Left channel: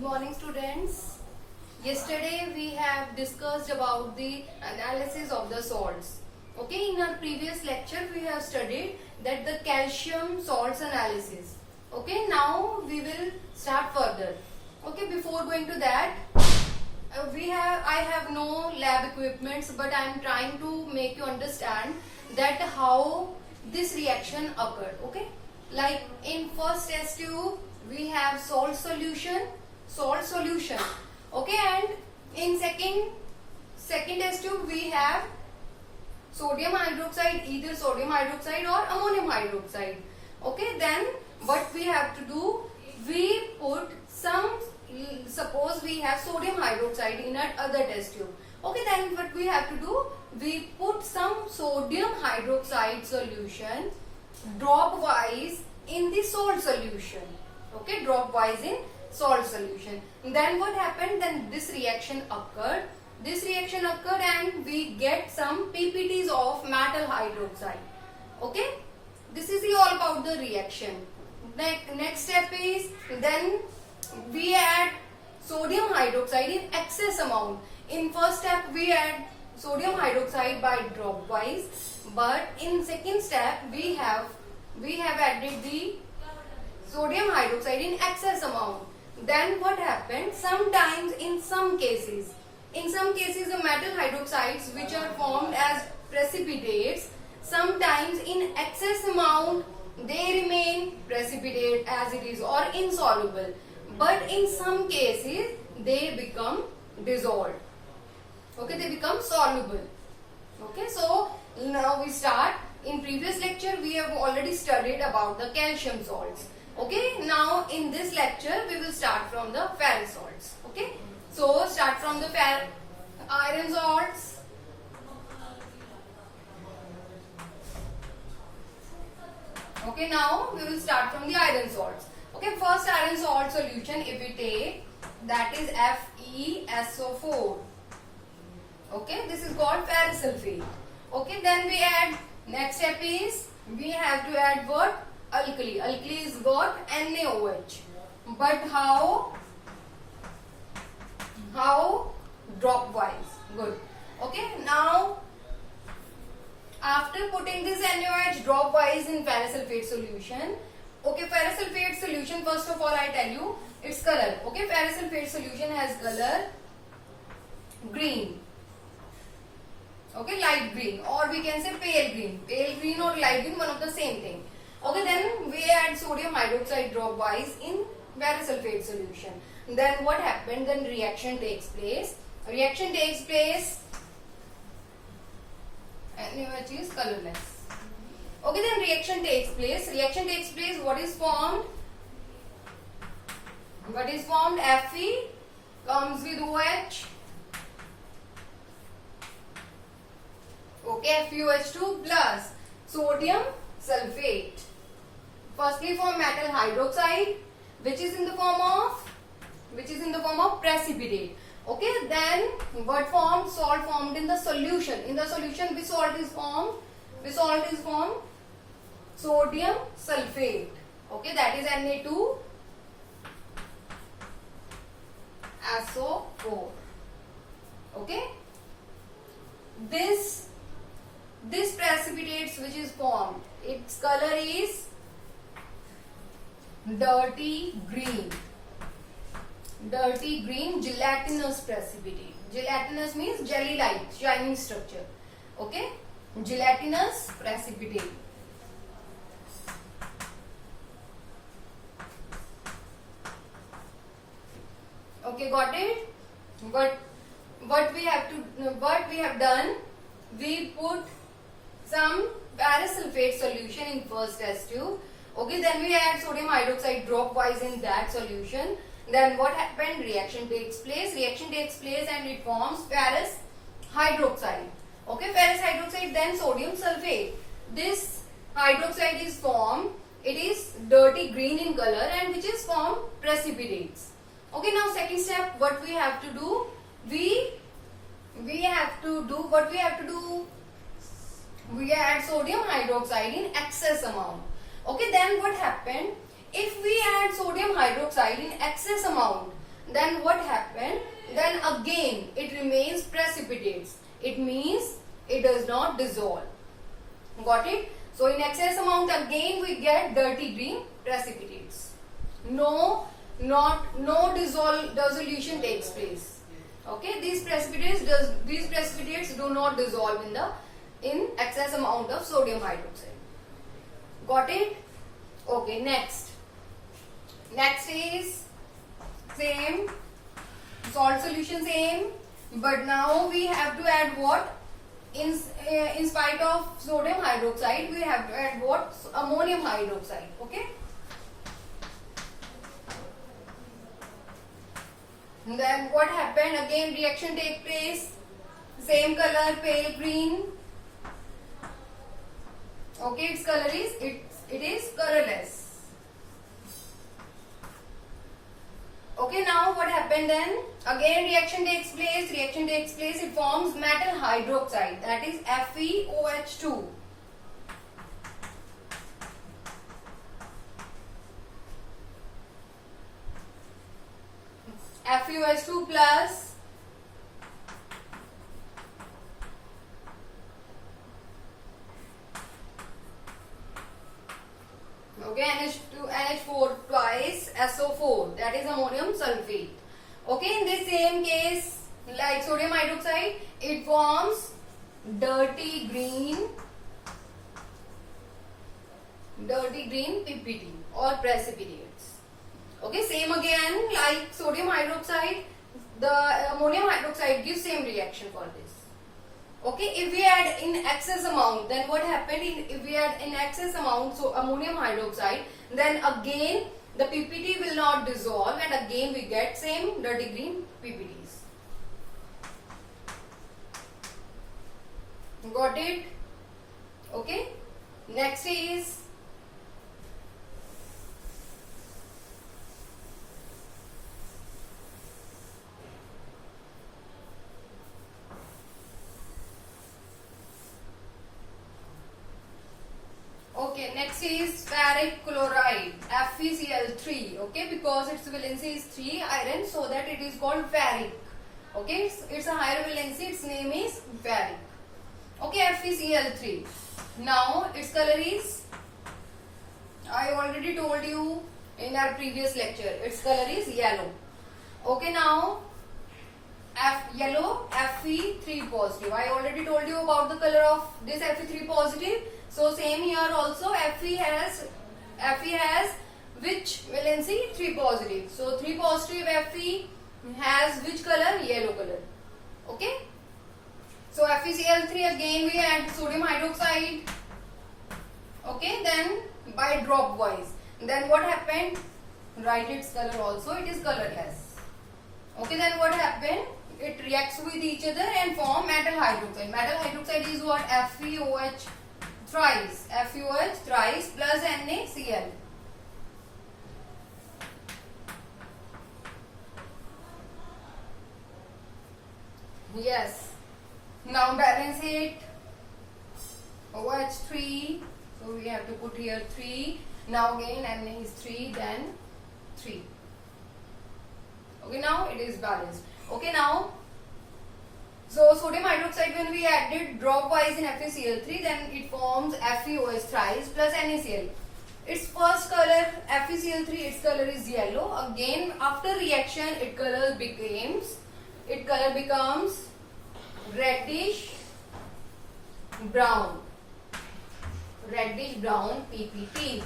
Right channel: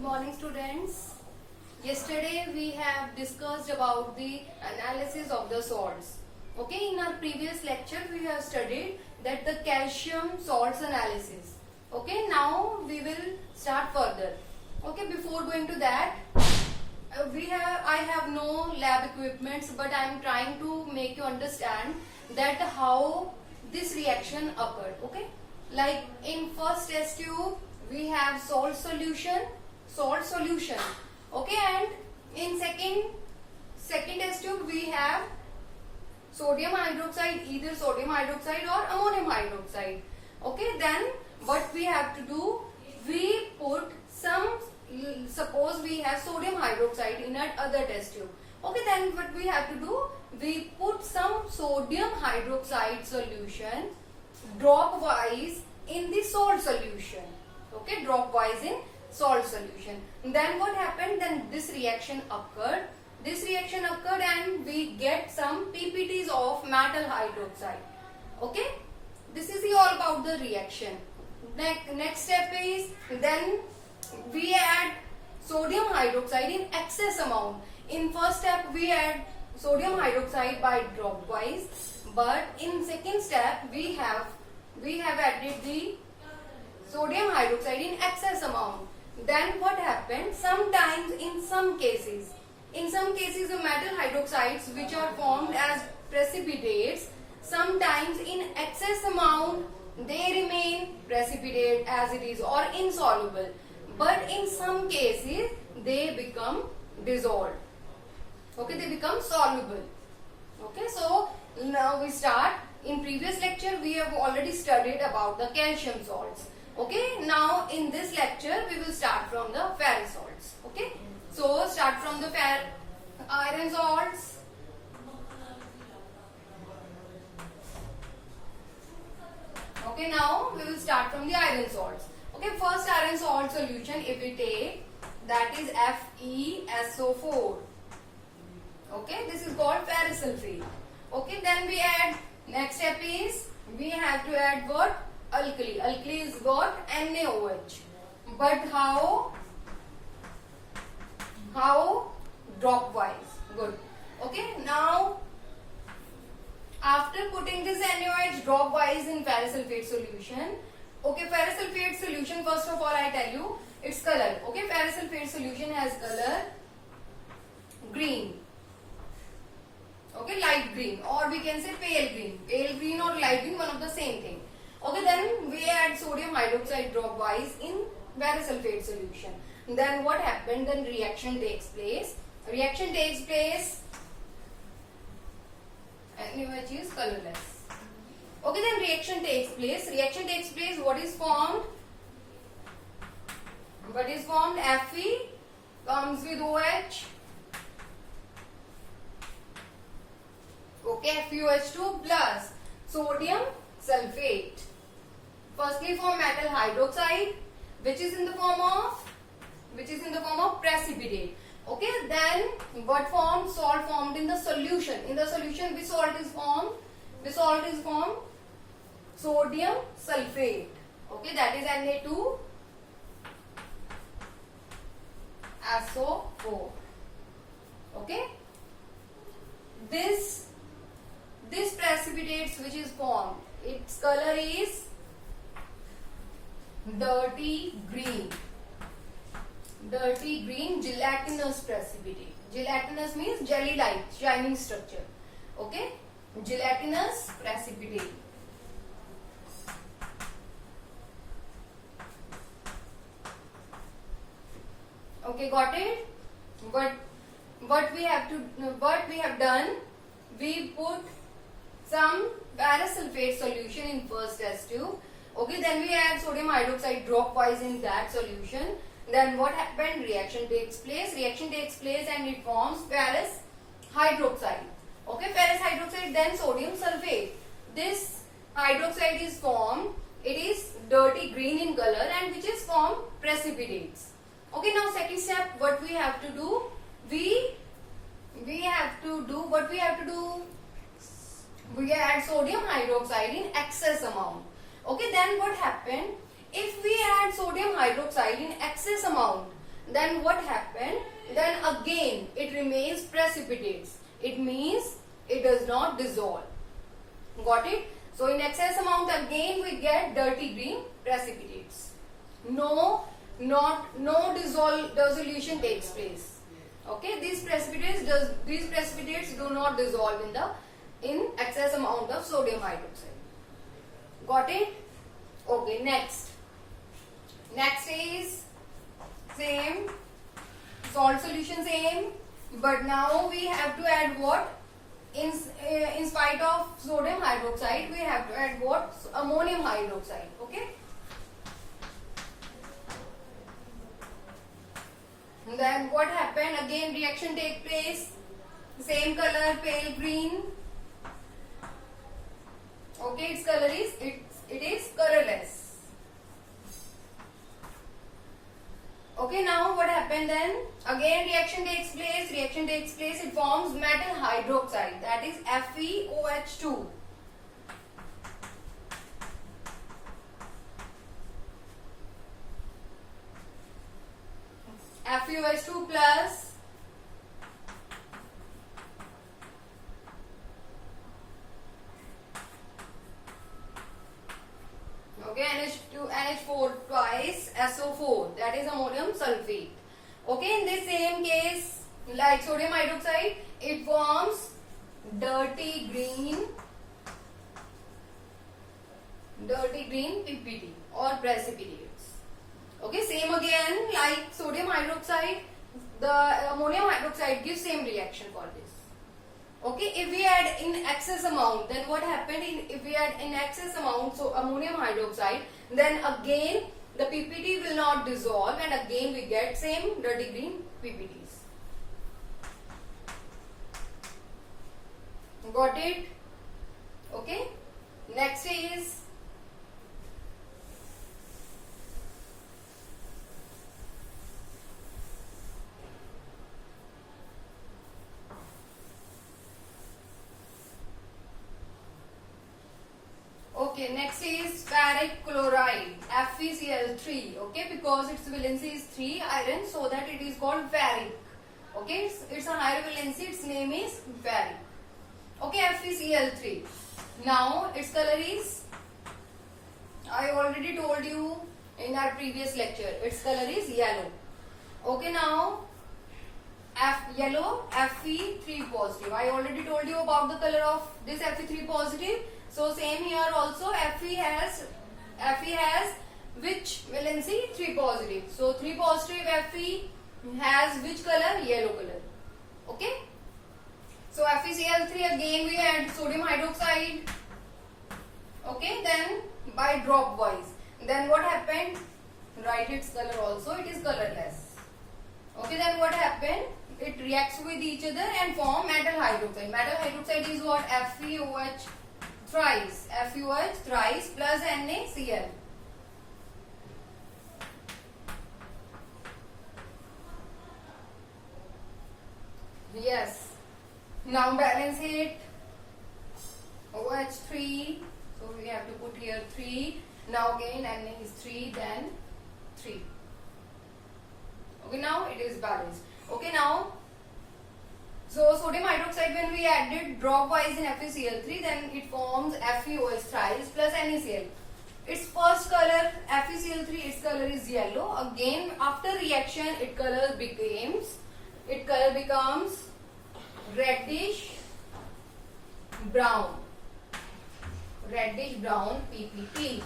Good morning, students. Yesterday we have discussed about the analysis of the salts. Okay, in our previous lecture we have studied that the calcium salts analysis. Okay, now we will start further. Okay, before going to that, I have no lab equipments, but I am trying to make you understand that how this reaction occurred. Okay, like in first test tube we have salt solution. Okay, and in second test tube we have sodium hydroxide, either sodium hydroxide or ammonium hydroxide. Okay, then what we have to do, we put some, suppose we have sodium hydroxide in our other test tube. Okay, then what we have to do, we put some sodium hydroxide solution drop wise in the salt solution. Okay, drop wise in salt solution. And then what happened, then this reaction occurred. And we get some PPTs of metal hydroxide. Okay, this is all about the reaction. Next step is, then we add sodium hydroxide in excess amount. In first step we add sodium hydroxide by drop wise, but in second step we have added the sodium hydroxide in excess amount. Then what happened, sometimes in some cases the metal hydroxides which are formed as precipitates, sometimes in excess amount they remain precipitate as it is or insoluble, but in some cases they become dissolved. Okay, they become soluble. Okay, so now we start. In previous lecture we have already studied about the calcium salts. Okay, now in this lecture we will start from the ferrous salts. Okay, so start from the iron salts. Okay, now we will start from the iron salts. Okay, first iron salt solution if we take, that is FeSO4. Okay, this is called ferrous sulfate. Okay, then we add, next step is we have to add what? Alkali. Alkali is got NaOH. But how? Drop wise. Good. Okay, now after putting this NaOH drop wise in ferrous sulfate solution, okay, ferrous sulfate solution, first of all I tell you its color. Okay, ferrous sulfate solution has color green. Okay, light green, or we can say pale green. Pale green or light green, one of the same thing. Okay, then we add sodium hydroxide drop wise in ferrous sulfate solution. Then what happened? Then reaction takes place. NaOH is colorless. Okay, then reaction takes place. What is formed? Fe comes with OH. Okay, FeOH2 plus sodium sulfate. Firstly form metal hydroxide, which is in the form of precipitate. Okay, then what formed? Salt formed in the solution. In the solution, which salt is formed? Sodium sulfate. Okay, that is Na2SO4. Okay, this precipitates which is formed, its color is dirty green, gelatinous precipitate. Gelatinous means jelly like shining structure. Okay, gelatinous precipitate. Okay, got it? What we have done, we put some ferrous sulfate solution in first test tube. Okay, then we add sodium hydroxide drop wise in that solution. Then what happened? Reaction takes place and it forms ferrous hydroxide. Okay, ferrous hydroxide, then sodium sulfate. This hydroxide is formed, it is dirty green in color and which is formed precipitates. Okay, now second step, what we have to do? We add sodium hydroxide in excess amount. Okay, then what happened? If we add sodium hydroxide in excess amount, then what happened? Then again it remains precipitates. It means it does not dissolve. Got it? So in excess amount again we get dirty green precipitates. No dissolution takes place. Okay, these precipitates do not dissolve in excess amount of sodium hydroxide. Got it? Okay, next is same salt solution, same, but now we have to add what? In spite of sodium hydroxide, we have to add what? Ammonium hydroxide. Okay. And then what happened? Again reaction take place. Same color, pale green. Okay, its color is it is colorless. Okay, now what happened then? Again reaction takes place. It forms metal hydroxide, that is FeOH2. FeOH2 plus okay, NH4 twice SO4, that is ammonium sulfate. Okay, in this same case, like sodium hydroxide, it forms dirty green PPT or precipitates. Okay, same again, like sodium hydroxide, the ammonium hydroxide gives same reaction for this. Okay, if we add in excess amount, then what happened? If we add in excess amount, so ammonium hydroxide, then again the PPT will not dissolve and again we get same dirty green PPTs. Got it? Okay. Next is next is ferric chloride, FeCl3. Okay, because its valency is 3 iron, so that it is called ferric. Okay, it's a higher valency, its name is ferric. Okay, FeCl3. Now its color is, I already told you in our previous lecture, its color is yellow. Okay, now yellow Fe3 positive. I already told you about the color of this Fe3 positive. So same here also, Fe has which valency? 3 positive. So 3 positive Fe has which color? Yellow color. Okay. So FeCl3, again we add sodium hydroxide. Okay, then by drop wise. Then what happened? Write its color also, it is colorless. Okay, then what happened? It reacts with each other and form metal hydroxide. Metal hydroxide is what? FeOH thrice. FeOH thrice plus NaCl. Yes. Now balance it. OH3. So we have to put here 3. Now again Na is 3, then 3. Okay, now it is balanced. Okay, now so sodium hydroxide, when we added drop wise in FeCl3, then it forms FeOH thrice plus NaCl. Its first color FeCl3, its color is yellow. Again after reaction its color becomes reddish brown PPT.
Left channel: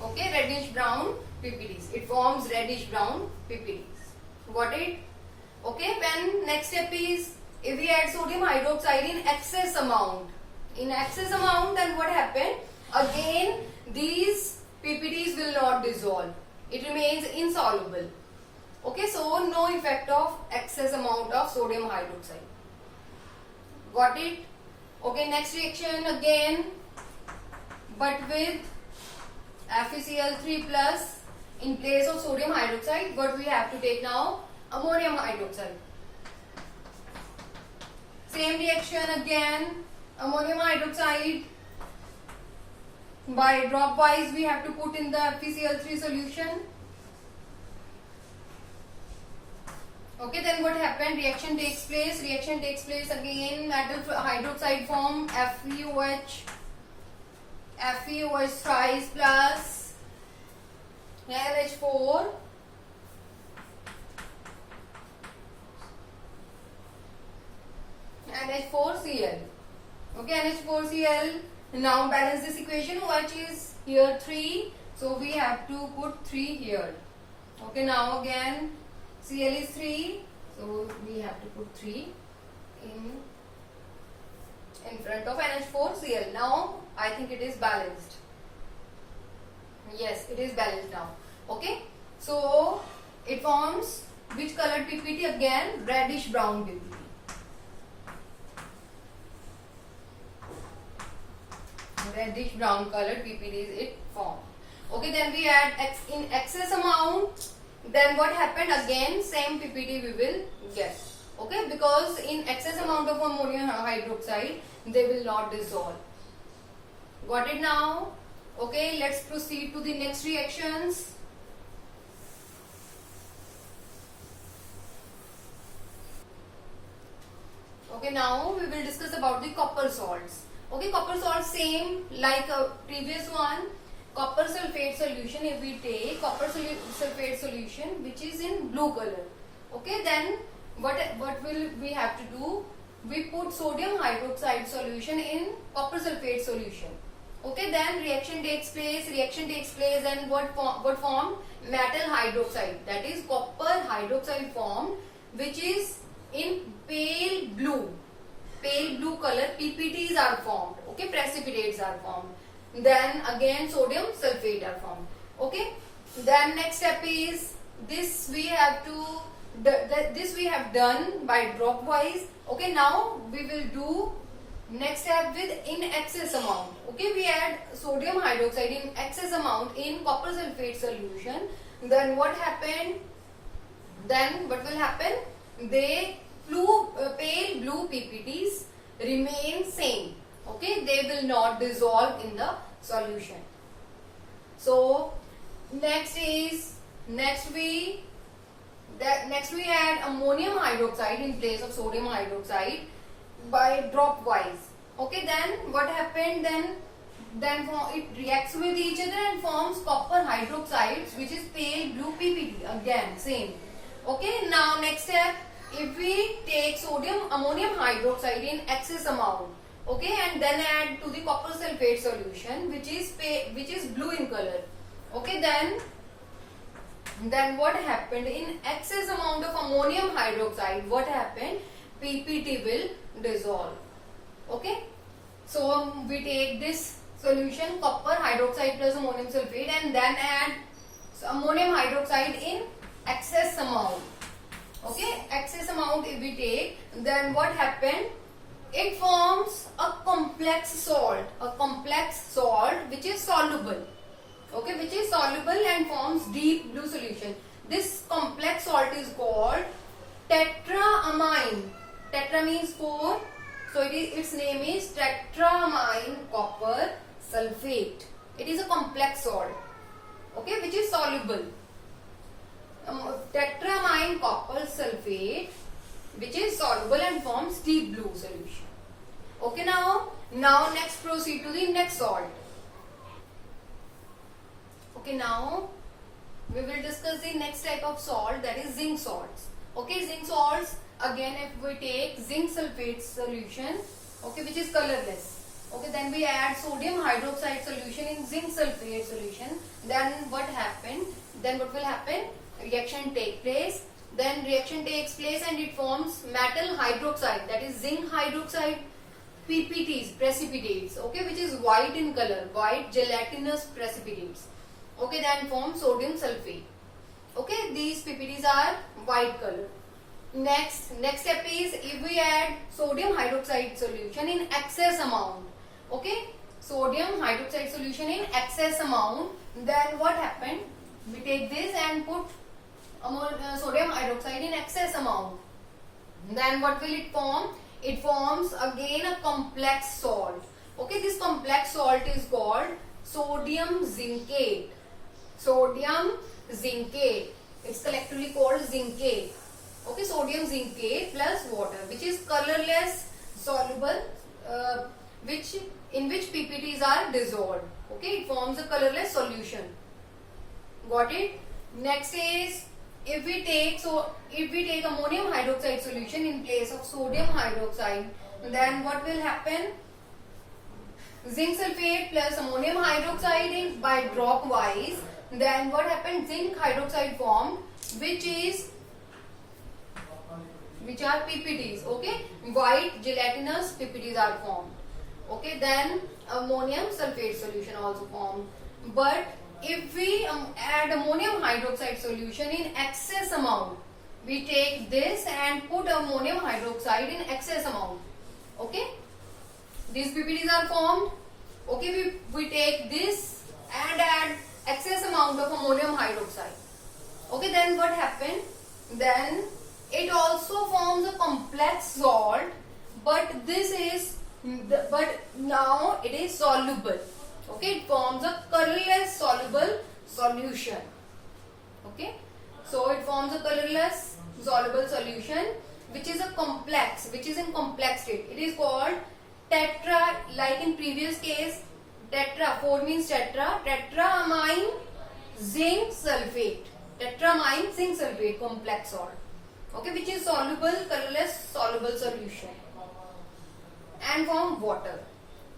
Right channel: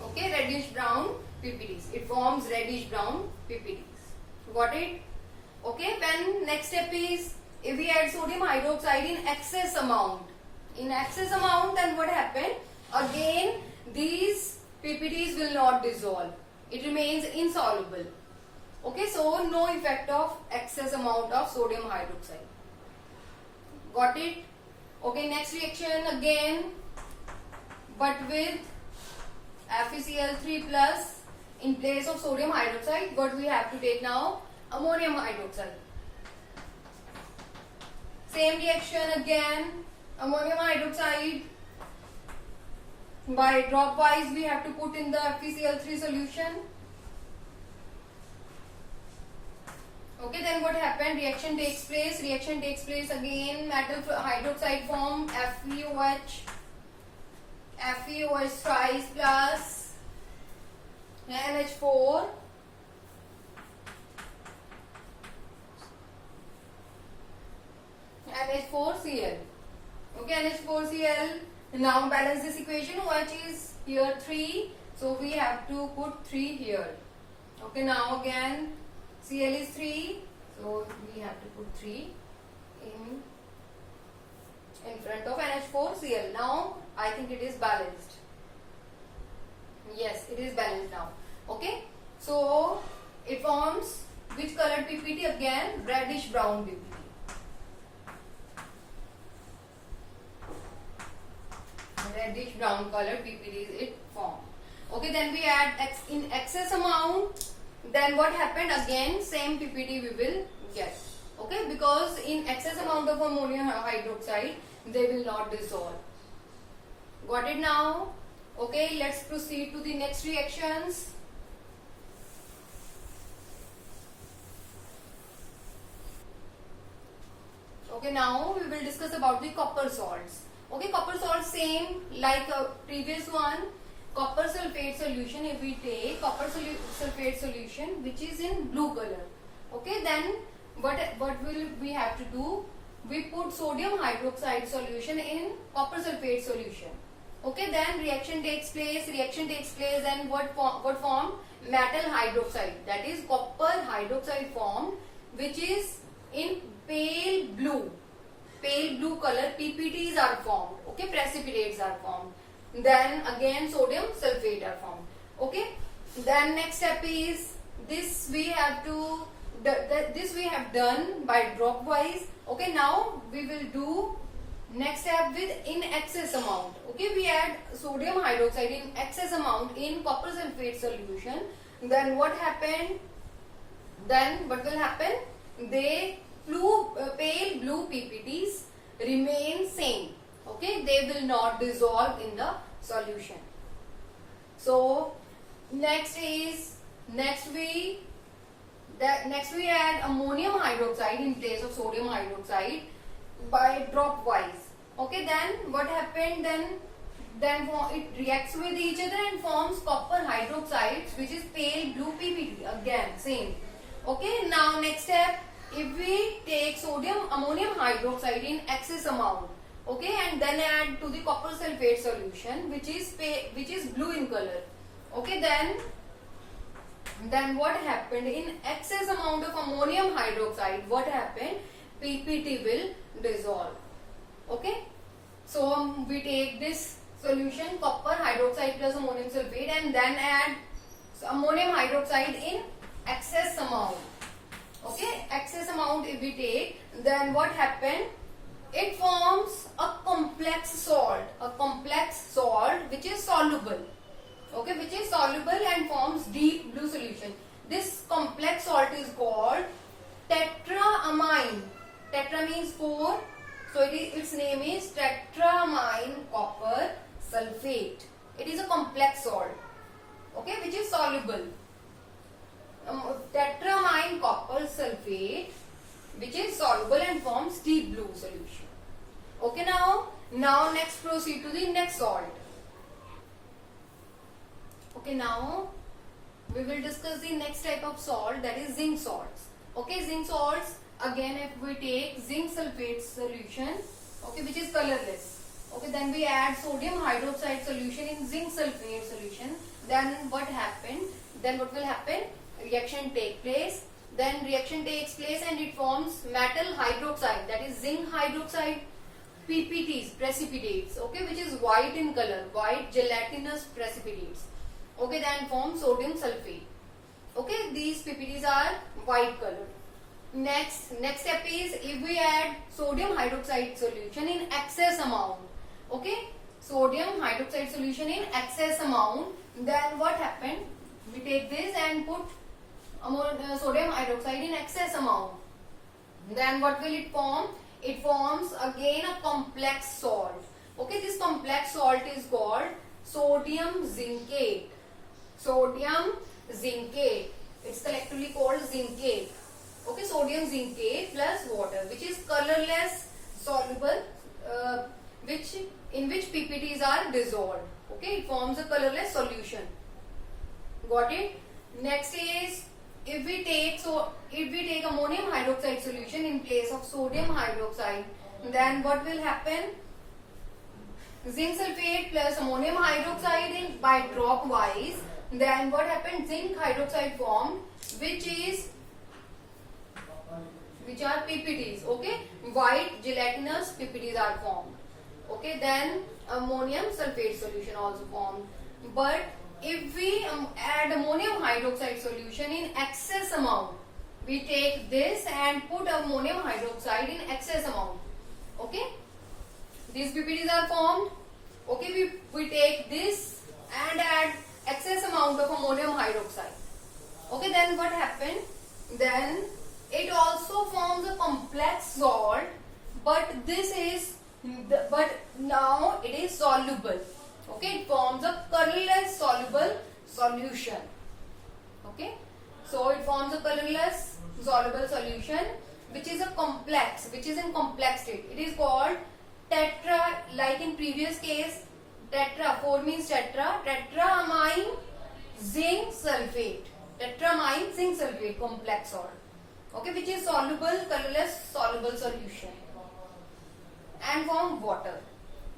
Okay, reddish brown PPTs. It forms reddish brown PPTs. Got it? Okay, then next step is, if we add sodium hydroxide in excess amount, then what happened? Again these PPTs will not dissolve. It remains insoluble. Okay, so no effect of excess amount of sodium hydroxide. Got it? Okay, next reaction again, but with FeCl3 plus in place of sodium hydroxide, but we have to take now ammonium hydroxide. Same reaction again, ammonium hydroxide by dropwise we have to put in the FeCl3 solution. Okay, then what happened? Reaction takes place. Reaction takes place again. Metal hydroxide form FeOH. FeOH twice plus NH4. NH4Cl. Okay, NH4Cl. Now balance this equation. OH is here 3. So we have to put 3 here. Okay, now again Cl is 3. So we have to put 3 in front of NH4Cl. Now I think it is balanced. Yes, it is balanced now. Okay, so it forms which colored PPT? Again reddish brown PPT. Reddish brown colored PPT it formed. Okay, then we add in excess amount. Then what happened? Again same PPT we will get. Okay, because in excess amount of ammonium hydroxide they will not dissolve. Got it now? Okay, let's proceed to the next reactions. Okay, now we will discuss about the copper salts. Okay, copper salt same like previous one. Copper sulfate solution, if we take copper sulfate solution which is in blue color. Okay, then what will we have to do? We put sodium hydroxide solution in copper sulfate solution. Okay, then reaction takes place. Then what form? Metal hydroxide, that is copper hydroxide form, which is in pale blue color. PPTs are formed. Okay, precipitates are formed. Then again sodium sulfate are formed. Okay, then next step is this we have to this we have done by dropwise. Okay, now we will do next step with in excess amount. Okay, we add sodium hydroxide in excess amount in copper sulfate solution. Then what happened? Then what will happen? They pale blue PPTs remain same. Okay, they will not dissolve in the solution. So next we add ammonium hydroxide in place of sodium hydroxide by dropwise. Okay, then what happened? Then it reacts with each other and forms copper hydroxides, which is pale blue PPT. Again same. Okay, now next step, if we take ammonium hydroxide in excess amount, okay, and then add to the copper sulfate solution which is blue in color. Okay, then what happened? In excess amount of ammonium hydroxide, what happened? PPT will dissolve. Okay, so we take this solution copper hydroxide plus ammonium sulfate and then add ammonium hydroxide in excess amount. Okay, excess amount if we take, then what happened? It forms a complex salt which is soluble. Okay, which is soluble and forms deep blue solution. This complex salt is called tetramine. Tetra means 4, so its name is tetramine copper sulfate. It is a complex salt, okay, which is soluble. Tetramine copper sulfate, which is soluble and forms deep blue solution. Okay, now next proceed to the next salt. Okay, now we will discuss the next type of salt, that is zinc salts. Okay, zinc salts, again if we take zinc sulfate solution, okay, which is colorless. Okay, then we add sodium hydroxide solution in zinc sulfate solution. Then what happened? Then what will happen? Reaction takes place. Then reaction takes place and it forms metal hydroxide, that is zinc hydroxide PPTs, precipitates, okay, which is white in color, white gelatinous precipitates. Okay, then form sodium sulfate. Okay, these PPTs are white color. Next step is if we add sodium hydroxide solution in excess amount. Okay, sodium hydroxide solution in excess amount. Then what happened? We take this and put sodium hydroxide in excess amount. Then what will it form? It forms again a complex salt. Okay, this complex salt is called sodium zincate. Sodium zincate. It's collectively called zincate. Okay, sodium zincate plus water, which is colorless soluble, in which PPTs are dissolved. Okay, it forms a colorless solution. Got it? Next is, if we take ammonium hydroxide solution in place of sodium hydroxide, then what will happen? Zinc sulfate plus ammonium hydroxide by drop wise. Then what happened? Zinc hydroxide formed, which are PPTs. Okay, white gelatinous PPTs are formed. Okay, then ammonium sulfate solution also formed. But if we add ammonium hydroxide solution in excess amount, we take this and put ammonium hydroxide in excess amount. Okay, these PPTs are formed. Okay, we take this and add excess amount of ammonium hydroxide. Okay, then what happened? Then it also forms a complex salt, but now it is soluble. Okay, it forms a colorless soluble solution. Okay, so it forms a colorless soluble solution which is in complex state. It is called tetra, like in previous case, tetra, 4 means tetramine zinc sulfate. Tetramine zinc sulfate complex salt. Okay, which is soluble, colorless soluble solution, and form water,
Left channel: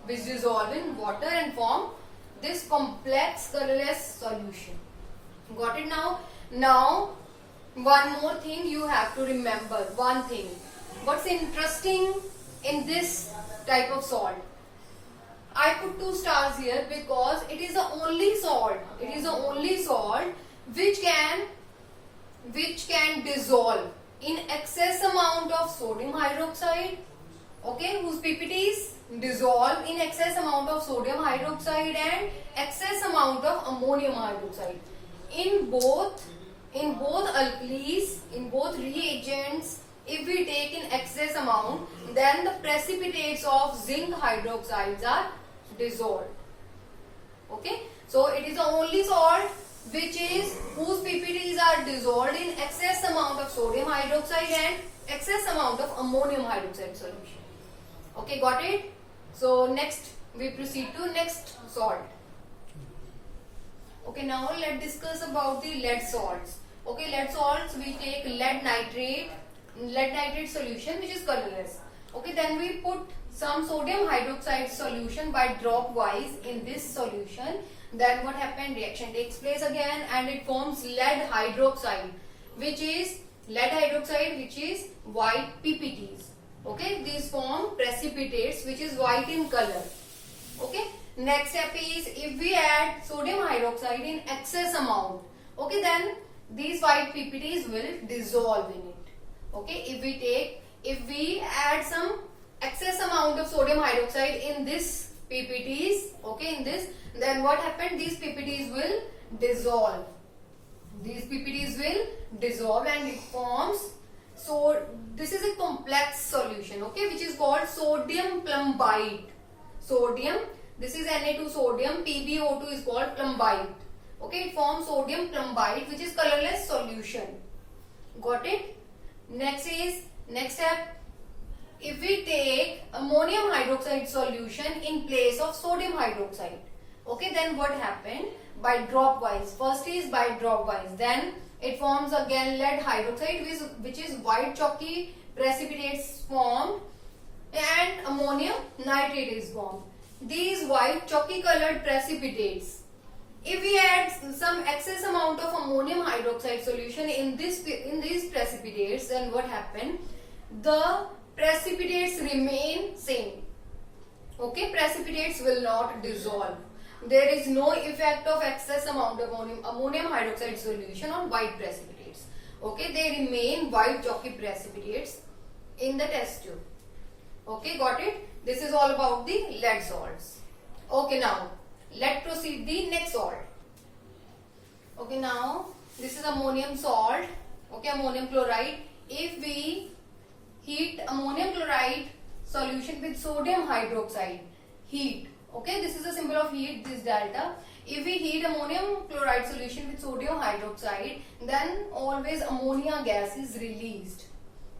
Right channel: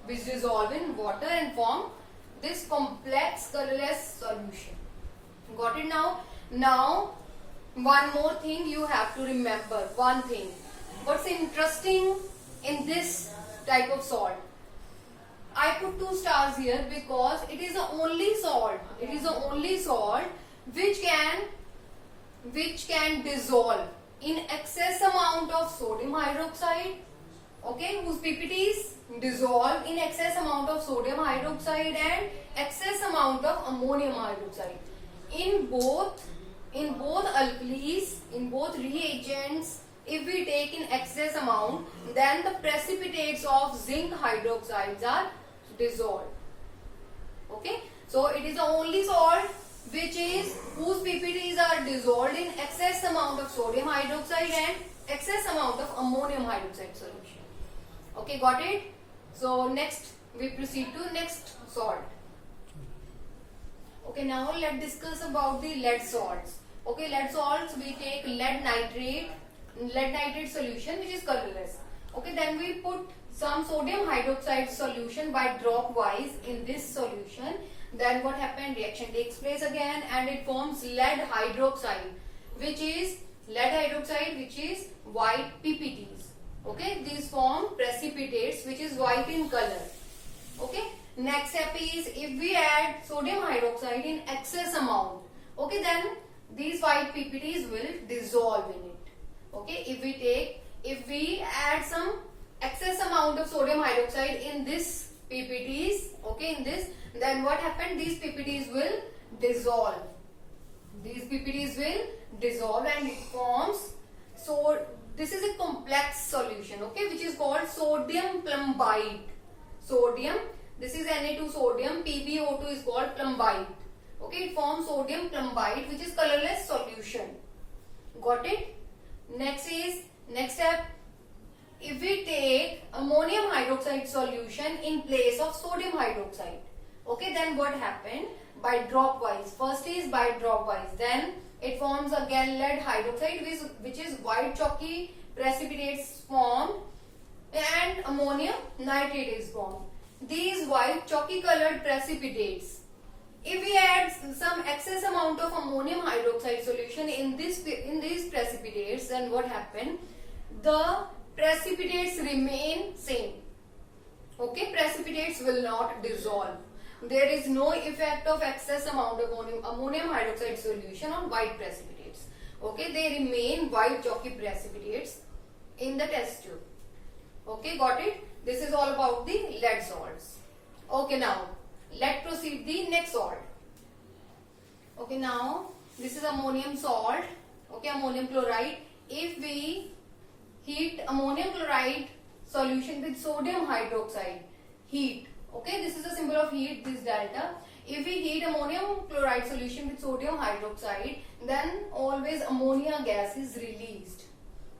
which dissolve in water and form this complex colorless solution. Got it now? Now, one more thing you have to remember. One thing. What's interesting in this type of salt? I put 2 stars here because it is the only salt. It is the only salt which can dissolve in excess amount of sodium hydroxide. Okay, whose PPTs dissolve in excess amount of sodium hydroxide and excess amount of ammonium hydroxide. In both alkalis, in both reagents, if we take in excess amount, then the precipitates of zinc hydroxides are dissolved. Okay, so it is the only salt whose PPTs are dissolved in excess amount of sodium hydroxide and excess amount of ammonium hydroxide solution. Okay, got it? So next we proceed to next salt. Okay, now let's discuss about the lead salts. Okay, lead salts, we take lead nitrate solution which is colorless. Okay, then we put some sodium hydroxide solution by drop wise in this solution. Then what happened? Reaction takes place again and it forms lead hydroxide, which is white PPTs. Okay, these form precipitates which is white in color. Okay, next step is, if we add sodium hydroxide in excess amount, okay, then these white PPTs will dissolve in it. Okay, if we add some excess amount of sodium hydroxide in this PPTs, okay, in this, then what happened? These PPTs will dissolve. These PPTs will dissolve and it forms. So this is a complex solution, okay, which is called sodium plumbite. Sodium, this is Na2 sodium, PbO2 is called plumbite. Okay, it forms sodium plumbite, which is colorless solution. Got it? Next step, if we take ammonium hydroxide solution in place of sodium hydroxide, okay, then what happened? By drop wise. First is by drop wise. Then it forms again lead hydroxide, which is white chalky precipitates formed, and ammonium nitrate is formed. These white chalky colored precipitates, if we add some excess amount of ammonium hydroxide solution in these precipitates, then what happened? The precipitates remain same. Okay, precipitates will not dissolve. There is no effect of excess amount of ammonium hydroxide solution on white precipitates. Okay, they remain white chalky precipitates in the test tube. Okay, got it? This is all about the lead salts. Okay, now let's proceed the next salt. Okay, now this is ammonium salt. Okay, ammonium chloride. If we heat ammonium chloride solution with sodium hydroxide, heat. Okay, this is the symbol of heat, this delta. If we heat ammonium chloride solution with sodium hydroxide, then always ammonia gas is released.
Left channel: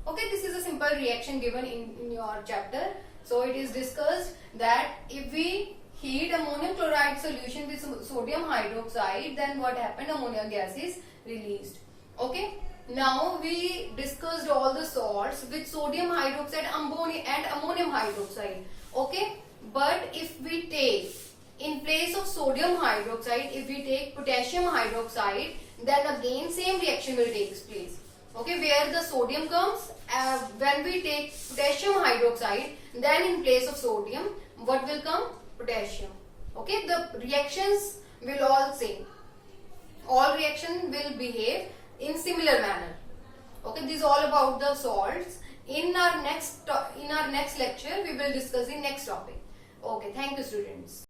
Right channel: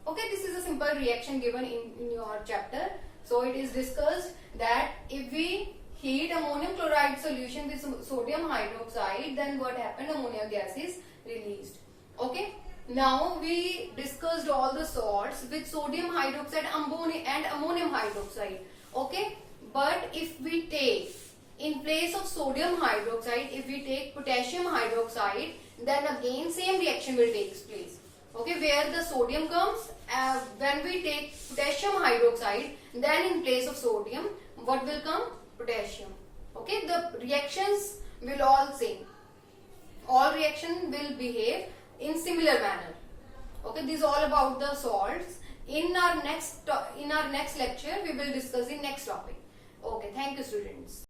Okay, this is a simple reaction given in your chapter. So it is discussed that if we heat ammonium chloride solution with sodium hydroxide, then what happened? Ammonia gas is released. Okay. Now we discussed all the salts with sodium hydroxide and ammonium hydroxide. Okay. But if we take, in place of sodium hydroxide, if we take potassium hydroxide, then again same reaction will take place. Okay, where the sodium comes, when we take potassium hydroxide, then in place of sodium, what will come? Potassium. Okay, the reactions will all same. All reaction will behave in similar manner. Okay, this is all about the salts. In our next lecture, we will discuss the next topic. Okay, thank you, students.